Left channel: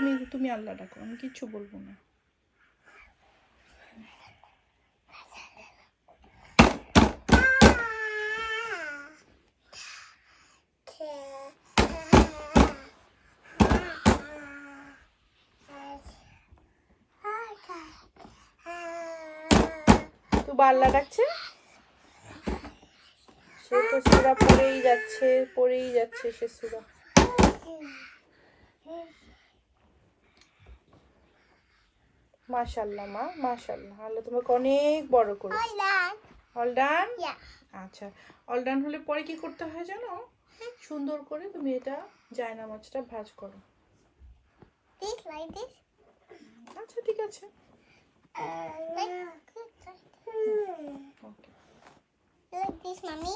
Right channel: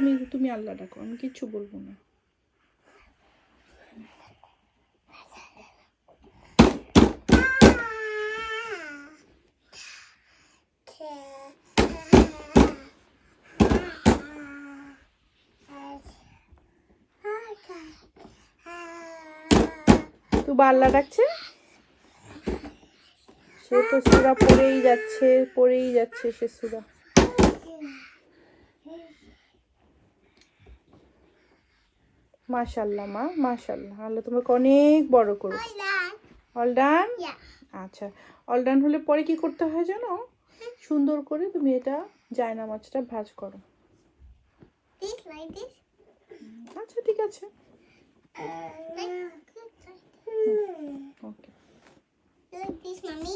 তুমি তুমি আল্লাহ ডাকো, আমি কিচ্ছু বলবো না। তুবা আল্লাহ ডাকছে, সে তো সূরা পড়েই যাচ্ছে সে সূরা। মাশাআল্লাহ মা, মাশাআল্লাহ, আল্লাহ তোমাকে অনেক বড় করুক। All done. আচ্ছা, অল ডান হলে পরে কি করতে হয় জানো? সুন্দর করে তুমি এটা জায়নামাজটা ভাঁজ করো। আচ্ছা ঠিক আছে। Like this, mommy.